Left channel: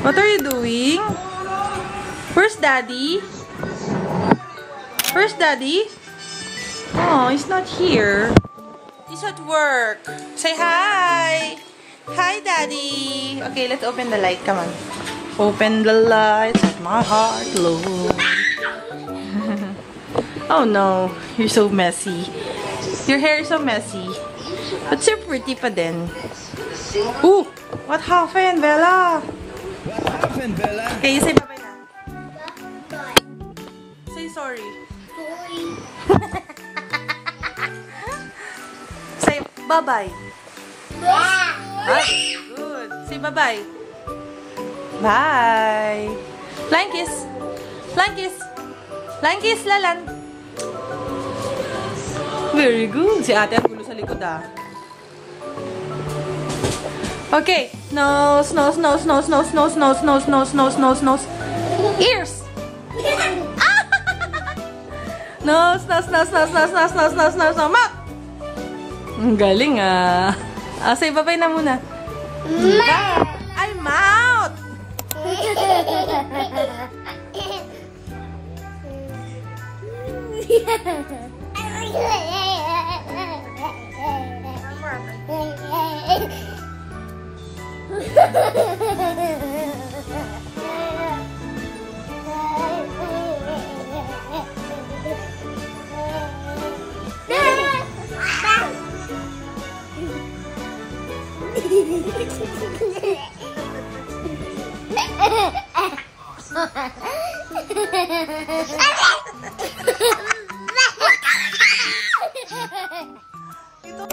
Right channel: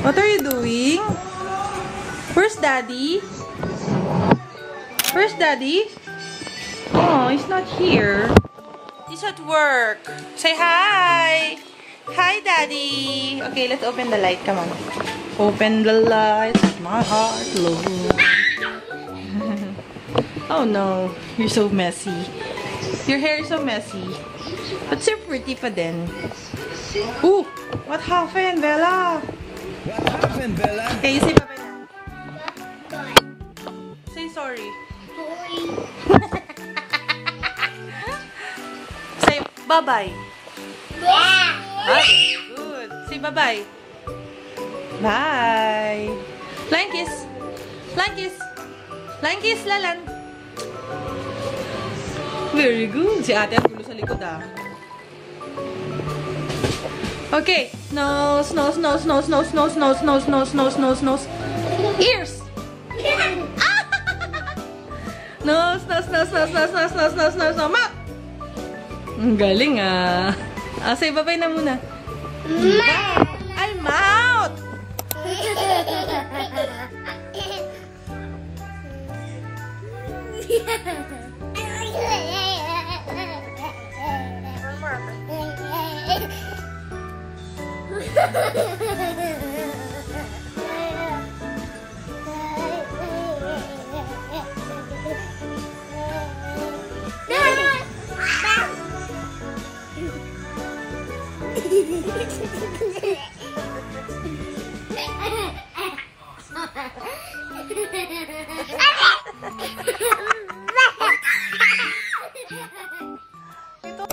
What are you doing? Where's Daddy? Where's Daddy? Oh, he's not here. He's at work. Say hi! Hi, Daddy! Okay, let's open the light. Come on. Open the light. My heart, Lord. Oh no, you're so messy. Your hair is so messy. But you're pretty pa din. Ooh! What happened, Bella? What happened, Bella? Okay, you say bye-bye na. Say sorry. Say bye-bye. Right. Good. Say bye-bye. Bye. Flying kiss. Flying kiss. Flying kiss, Lalan. Very good. Si ate ang gulo sa likod, ah. Okay. Nose, nose, nose, nose, nose, nose, nose, nose, nose, nose, nose, nose. Ears. Nose, nose, nose, nose, nose, nose, nose, nose, nose, nose, mouth. Ang galing, ah. Say bye-bye na muna. Bye. Ay, mouth.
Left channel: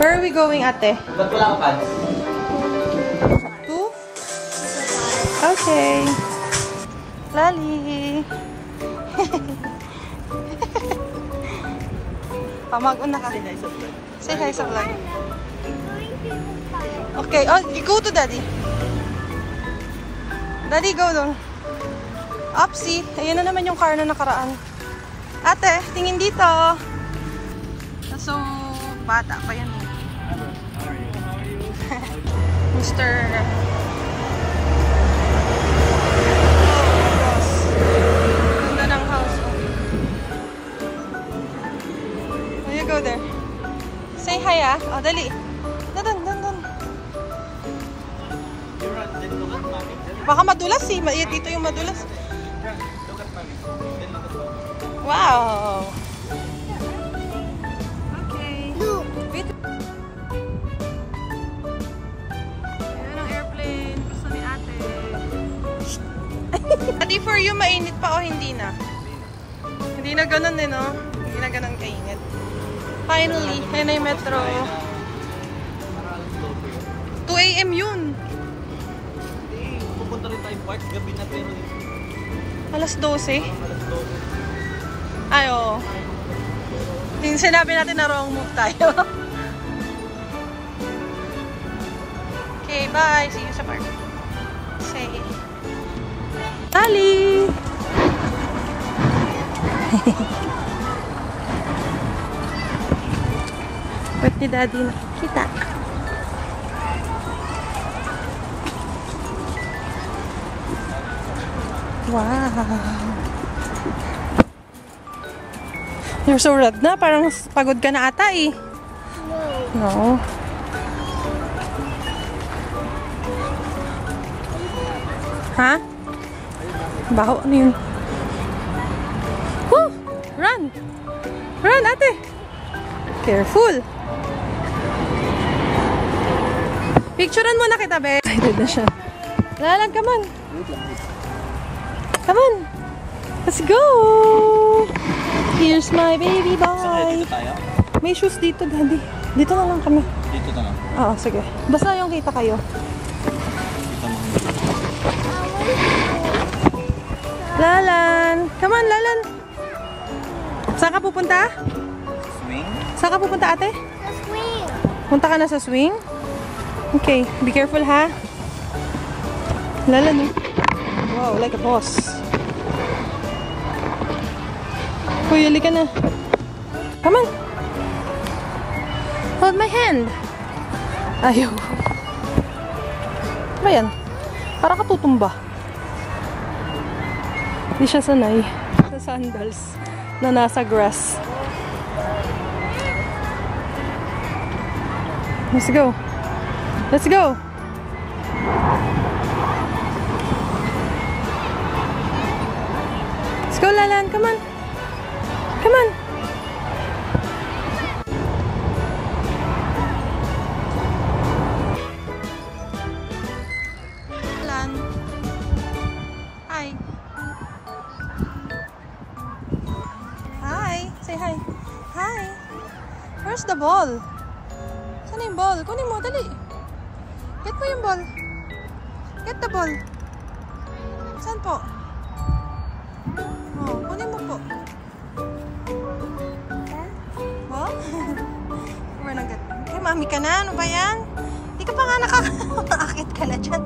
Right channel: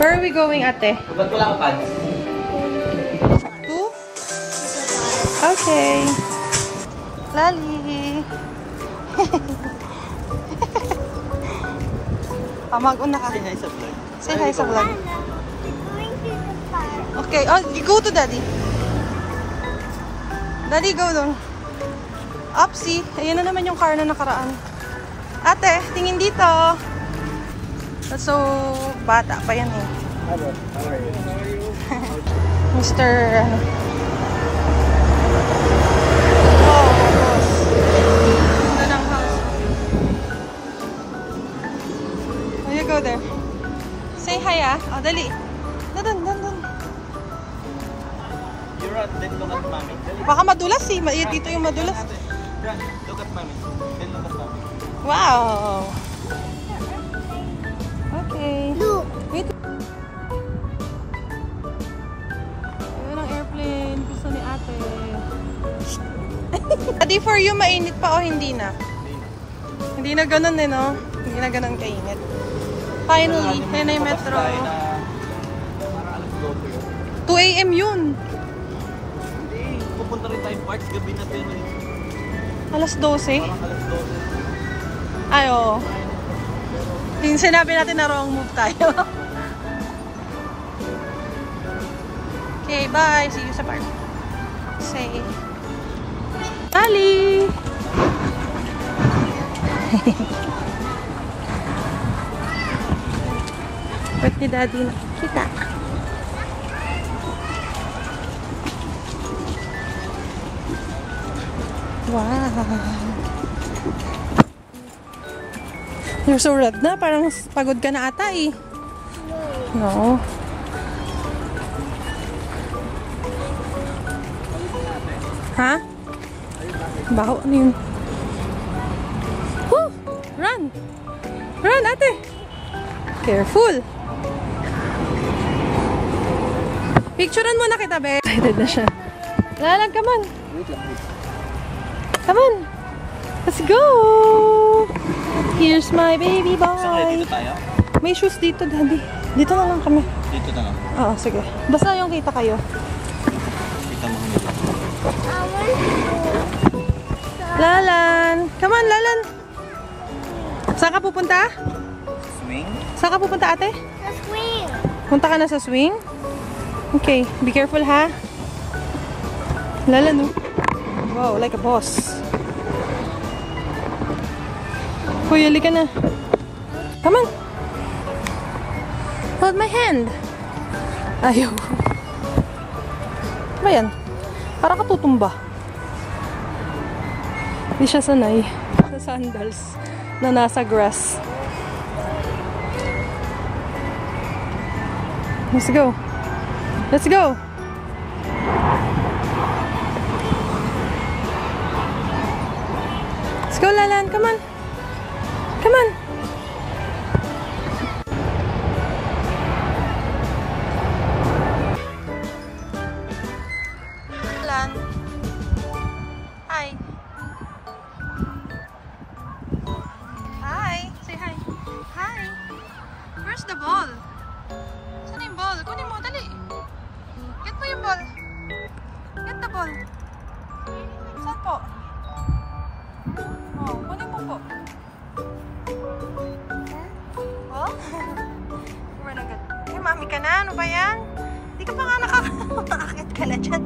Where are we going, ate? Ba't wala ka pants? Two? Okay. Lali. Mag-una ka. Say hi sa vlog. Okay. Oh, go to Daddy. Daddy, go doon. Upsi. Ayan na naman yung car na nakaraan. Ate, tingin dito. So, bata pa yan eh. Mr. Oh, boss. Ganda ng house. Oh, you go there. Say hi, ah. Oh, dali. Doon. Baka madulas eh. Dito yung madulas. Wow. Okay. Wait. Ayan ang airplane. Gusto ni ate. Adi, for you, mainit pa o hindi na? Hindi na ganun eh, no? Hindi na ganun kainit. Finally, kaya na yung metro. 2 AM yun. Hindi. Pupunta rin tayo parts gabi na pero Alas 12? parang alas 12. Ay, oo. Yung sinabi natin na wrong move tayo. Okay, bye. See you sa park. Say. Ali! Ba't ni Daddy nakikita? Wow! You're so red na. Parang pagod ka na ata eh. No. Ha? Baho. Ano yun? Woo! Run! Run, ate! Careful! Picturean mo na kita, be. Excited na siya. Lalag, come on. Come on. Let's go! Here's my baby boy. Dito tayo? May shoes dito, Daddy. Dito na lang kami. Dito na lang. Oo, sige. Basta yung kita kayo. Kita mo kami. Lalan! Come on, Lalan! Saan ka pupunta? Swing? Saan ka pupunta, ate? Sa swing. Punta ka na sa swing? Okay, be careful ha. Lalan, oh. Wow, like a boss. Kuya, ka na. Come on. Hold my hand. Ayaw. Ba yan? Para ka tutumba. Hindi siya sanay sa sandals na nasa grass. Let's go. Let's go. Let's go, Lalan. Come on. Come on. Lalan. Hi. Hi. Say hi. Hi. Where's the ball? Saan yung ball? Kunin mo, dali. Get mo yung ball. Get the ball. Saan po? Oh, kunin mo po. Ball? We're not good. Eh, mami ka na. Ano ba yan? Hindi ka pa nga nakakakit ka na dyan.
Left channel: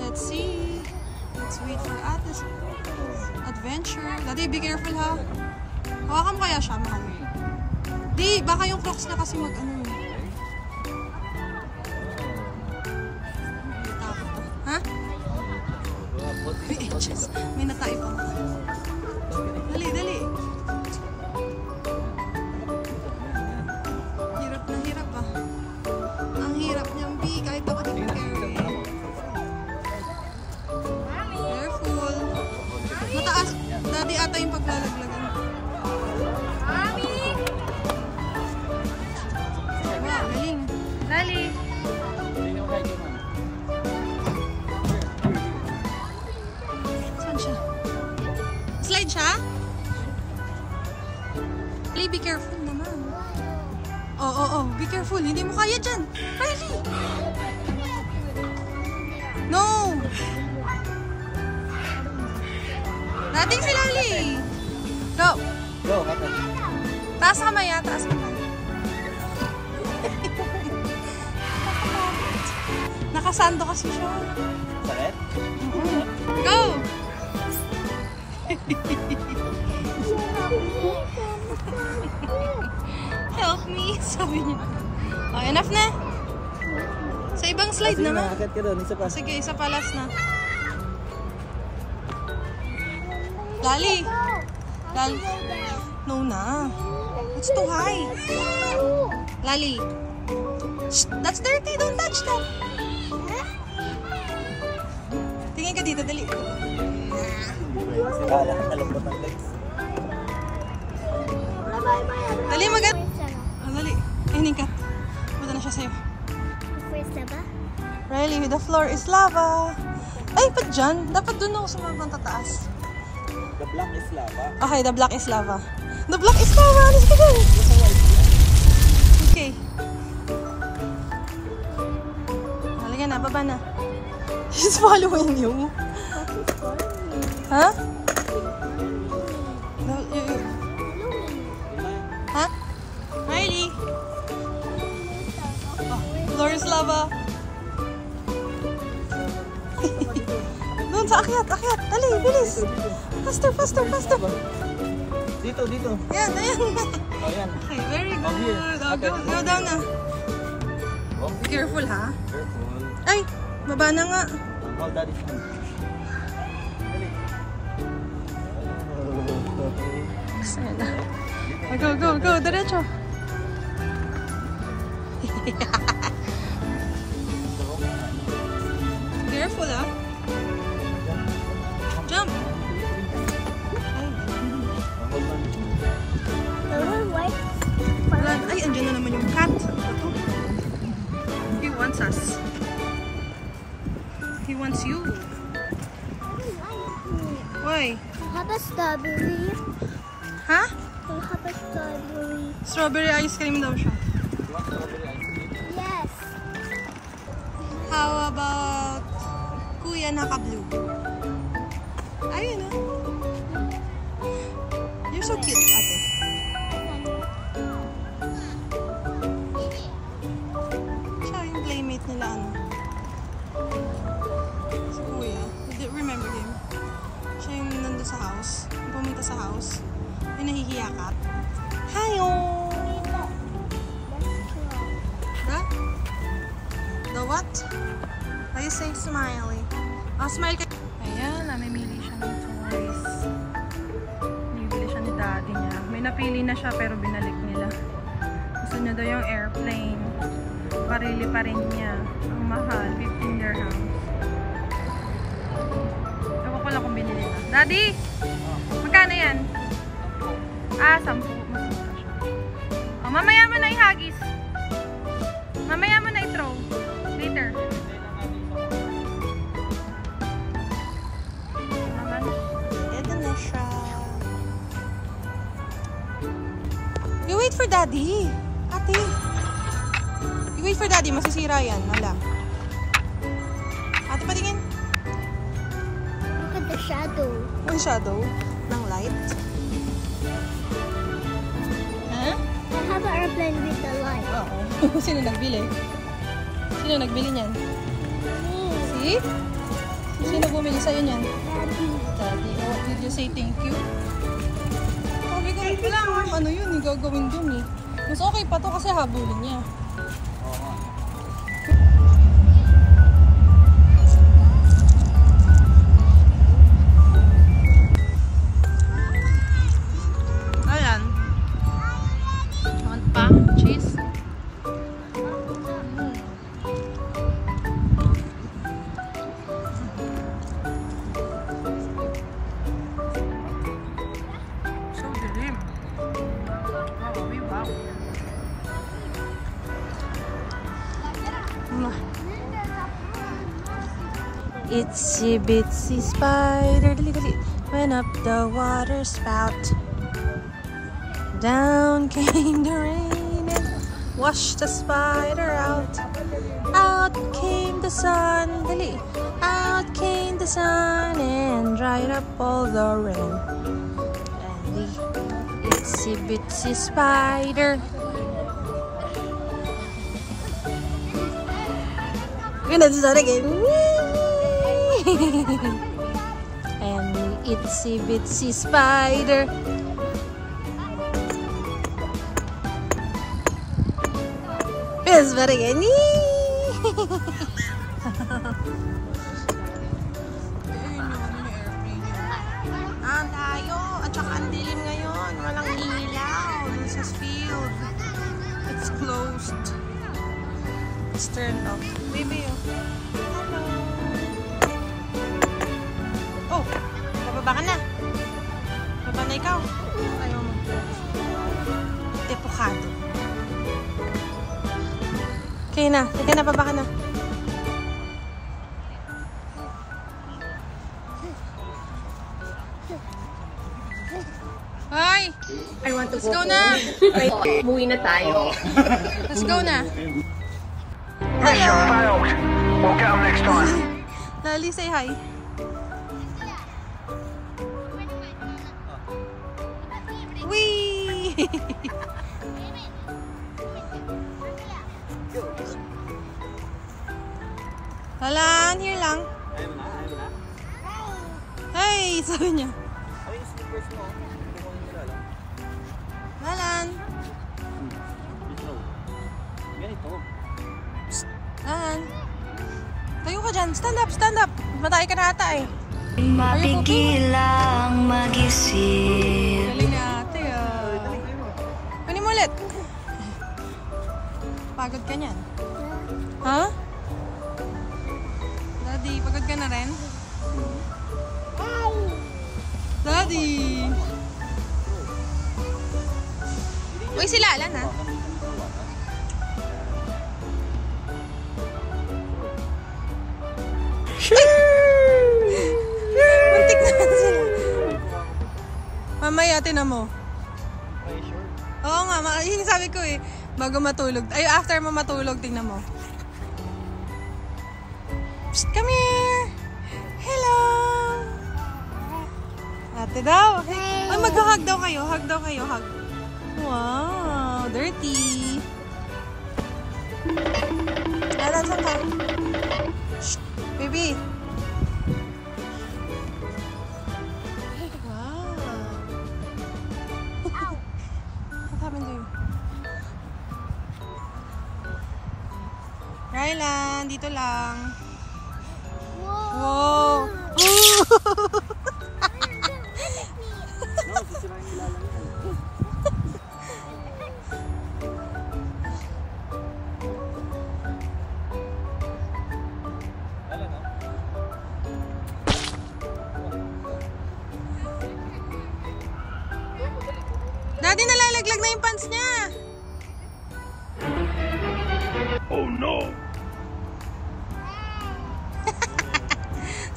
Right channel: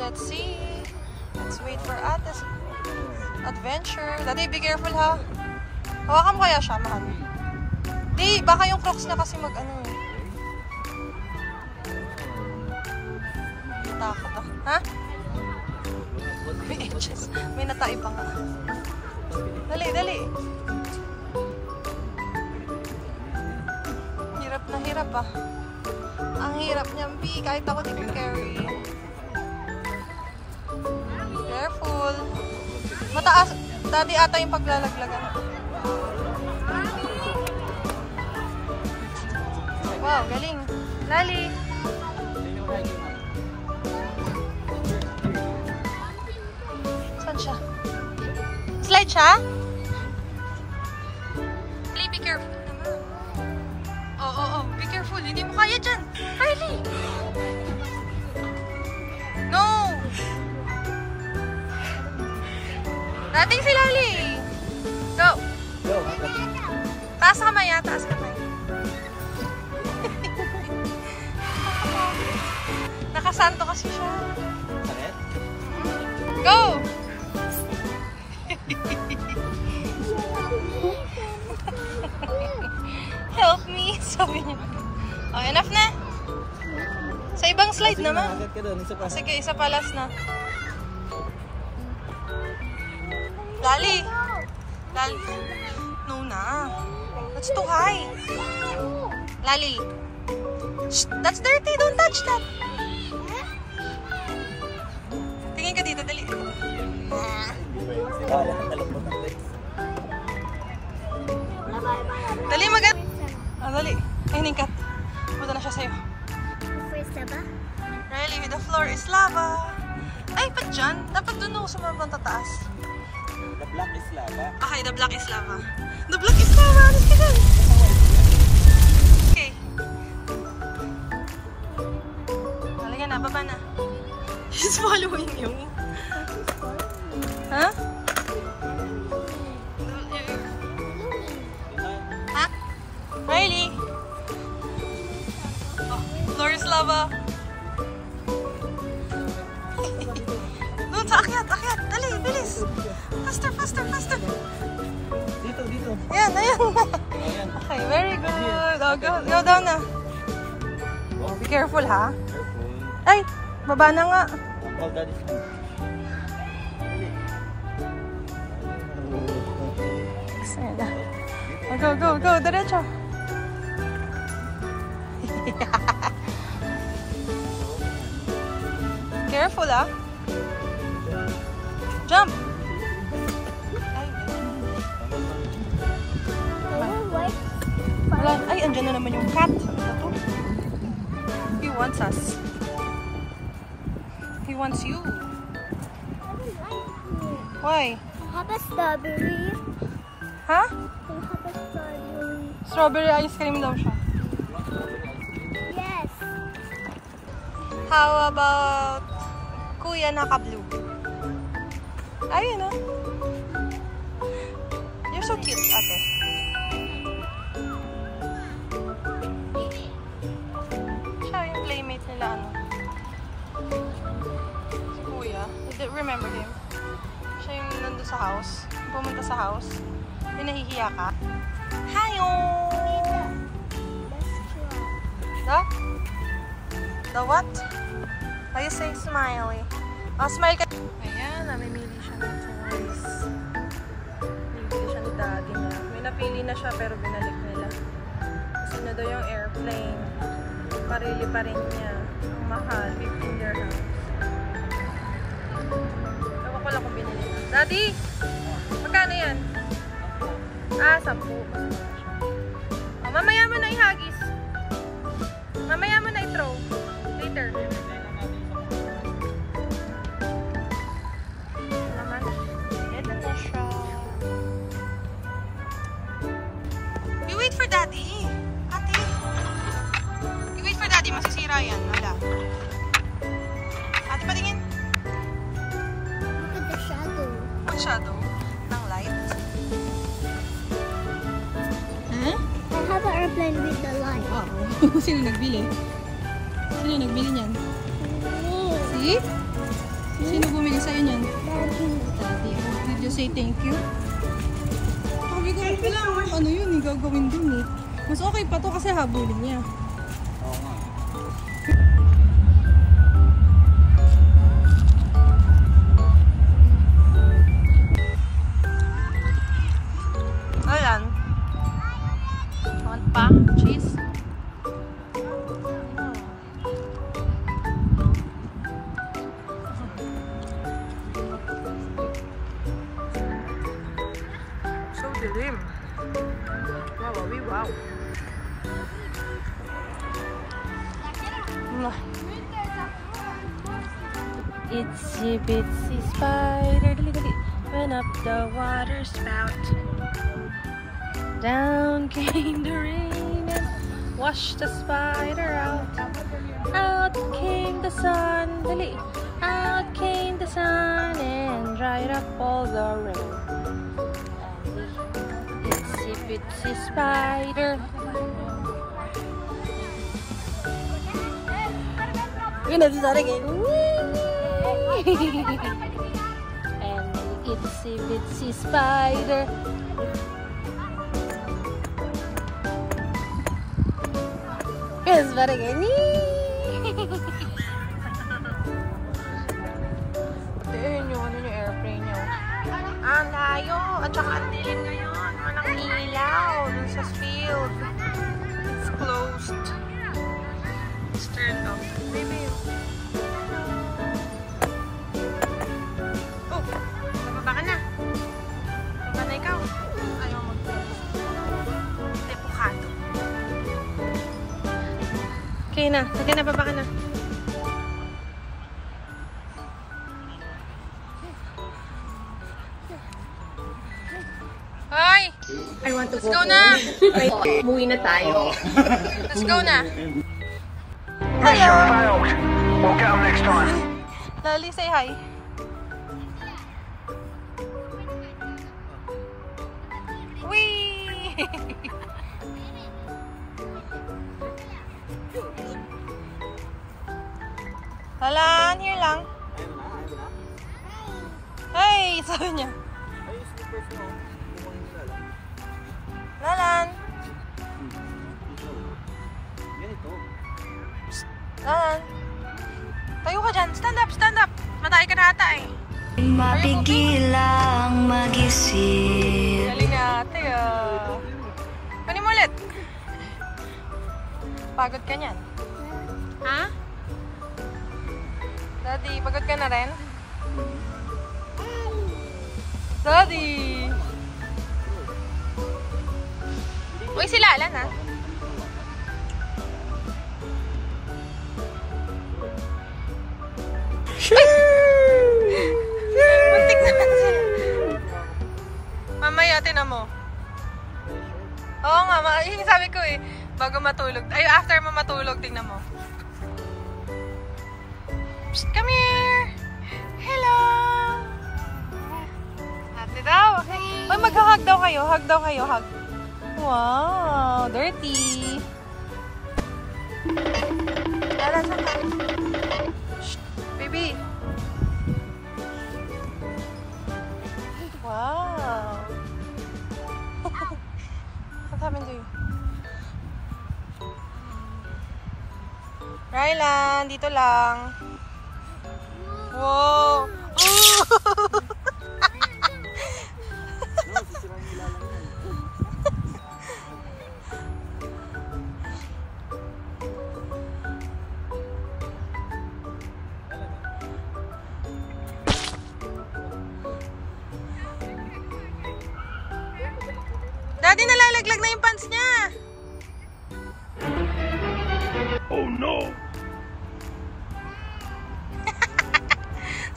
Let's see. Let's wait for Ate's adventure. Daddy, be careful ha. Hawakan mo kaya siya, mahal. Di, baka yung Crocs na kasi mag-ano. Takot ah. Ha? May edges. May natai pa nga. Dali, dali. Hirap na hirap ah. Ang hirap niyang B. Kahit ako di ko carry. Careful. Mataas. Daddy ata yung paglalaglagan. Wow, galing. Lali. Saan siya? Slide siya? Play, be careful naman. Oh. Be careful. Hindi mo kaya dyan. Lali. No. Dating si Lali. Go. Go. Taas kamay ha. Taas kamay. Nakasando kasi siya. Sakit? Go! Help me, sabi niya. Oh, enough na. Sa ibang slide naman. Sige, isa pa last na. Lali. Lali. No na. That's too high. Lali. Shh, that's dirty. Don't touch that. Tingin ka dito. Dali. Dali, magat. Oh, dali. Ay, ningkat. Punta na siya sa'yo. Really, the floor is lava. Ay, ba't dyan? Dapat dun ako sa mga tataas. The black is lava. Okay, the black is lava. The black is lava. Let's go. Okay. Halika na, baba na. She's following you. Huh? Huh? Riley? Oh, floor is lava. Doon sa akyat. Dali, bilis. Faster. Dito. Ayan. Okay, very good. Oh, go down na. Be careful, ha? Careful. Ay, baba na nga. Oh, that is good. Sana. Go. Diretso. Careful, ha? Jump. Ay, andyan na naman yung cat. Ano ba to? He wants us. He wants you. Why? Have a strawberry. Ha? We'll have a strawberry. Strawberry ice cream daw siya. Yes. How about Kuya naka-blue? Ayun na. You're so cute, ate. Siya yung playmate nila, ano. Si Kuya. Remember him? Siya yung nandun sa house. Pumunta sa house. Yung nahihiya ka. Hayo! The what? Why you say smiley? Oh, smile ka. Ayan, namimili siya ng toys. Bibili siya ni daddy niya. May napili na siya pero binalik nila. Gusto niya daw yung airplane. Parili pa rin niya. Ang mahal, 15 dirhams. Ewan ko lang kung binili na. Daddy! Magkano yan? 10. Mas mura siya. Oh, mamaya mo na ihagis. Mamaya mo na i-throw. Later. Naman. Ito na siya. You wait for daddy. Ate. You wait for daddy. Masisira yan. Wala. Ate, patingin. Look at the shadow. Ang shadow ng light. Huh? I have an airplane with the light. Oo. Sino nagbili? Sino nagbili niyan? Me. See? Sino bumili sa'yo niyan? Daddy. Daddy. Oh, did you say thank you? Sabi ko, ano yun? Yung gagawin dun eh. Mas okay pa to kasi habulin niya. Ayan. Want pa? Cheese? So dilim. Wow. Itsy bitsy spider went up the water spout. Down came the rain, washed the spider out. Out came the sun, out came the sun, and dried up all the rain. Itsy bitsy spider. Yun na sa again. And the itsy bitsy spider. Yes, but again. Ang layo. At saka ang dilim ngayon. Walang ilaw dun sa field. It's closed. It's turned off. Baby, oh. Hello. Oh, bababa ka na. Baba na ikaw. Ayaw mag-close. Tepokado. Okay na. Okay na, baba ka na. Hi! I want to Let's go na! Umuwi na tayo. Let's go na! Mission failed. We'll get them next time. Lali, say hi. Whee! Lalan, here lang. Hey! Sabi niya. Lalan. Ganito. Lalan. Tayo ka dyan. Stand up, stand up. Matay ka na ata eh. Mapigil ang mag-isip. Galing na ate ah. Kunin mo ulit. Pagod ka niyan. Ha? Daddy, pagod ka na rin? Daddy! Uy, si Lalan ha? Muntik na sila. Mamaya, tinan mo. Oo nga, sabi ko eh. Bago matulog. Ay, after mo matulog, tingnan mo. Psst, come here! Hello! Ate daw. Ay, mag-hug daw kayo. Hug daw kayo. Hug. Wow, dirty. Lalan, saan ka? Shh, baby. Wow. What happened to you? Rylan, dito lang. Wow! No, sisirain nila lang yan. Daddy, nalalaglag na yung pants niya. Oh no!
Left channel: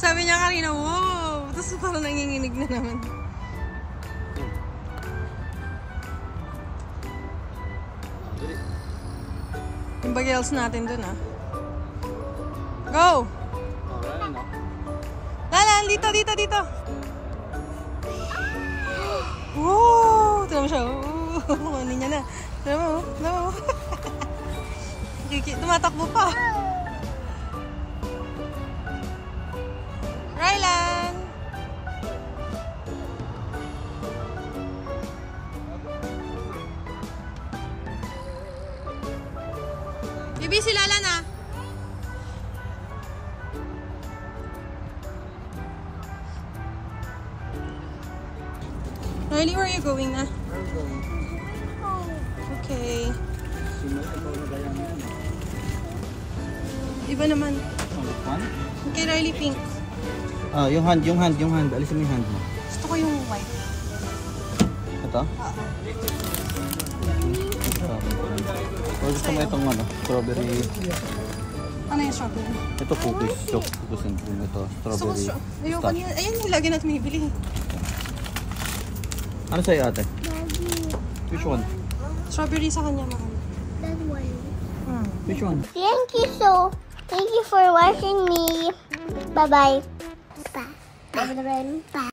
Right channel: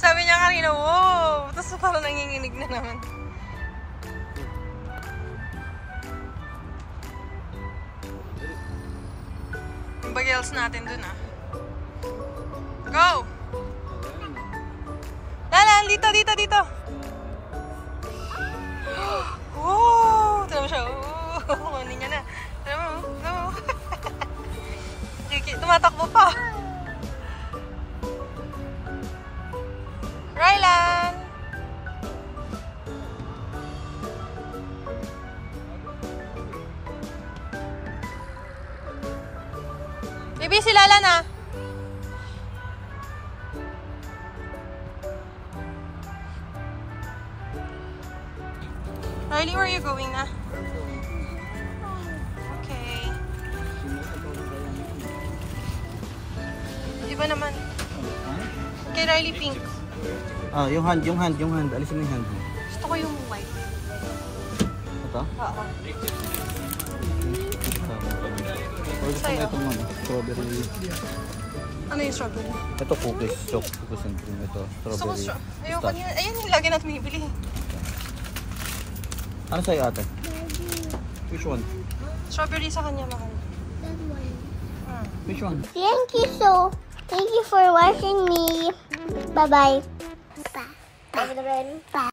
Sabi niya kanina, wow! Tapos parang nanginginig na naman. Yung bagels natin dun, ah. Go! Oh, ayan, no? Lala, dito, dito, dito. Wow! Tignan mo siya. Wow! Ano niya na. Tignan mo. No. Tumatakbo pa. Rylan! Bibi, si Lala na. Riley, where are you going na? Okay. Iba naman. Okay, Riley, pink. Ah, yung hand. Alisin mo yung hand mo. Gusto ko yung white. Ito? Oo. Or gusto mo itong ano, strawberry. Ano yung strawberry? Ito cookies, cookies and cream. Ito, strawberry. Ayoko kanina. Ayan yung lagi natin bibili. Ano sa'yo ate? Daddy, Which one? Strawberry sa kanya, mahal. that one. Which one? Thank you for watching me. Bye-bye. Bye. Bye.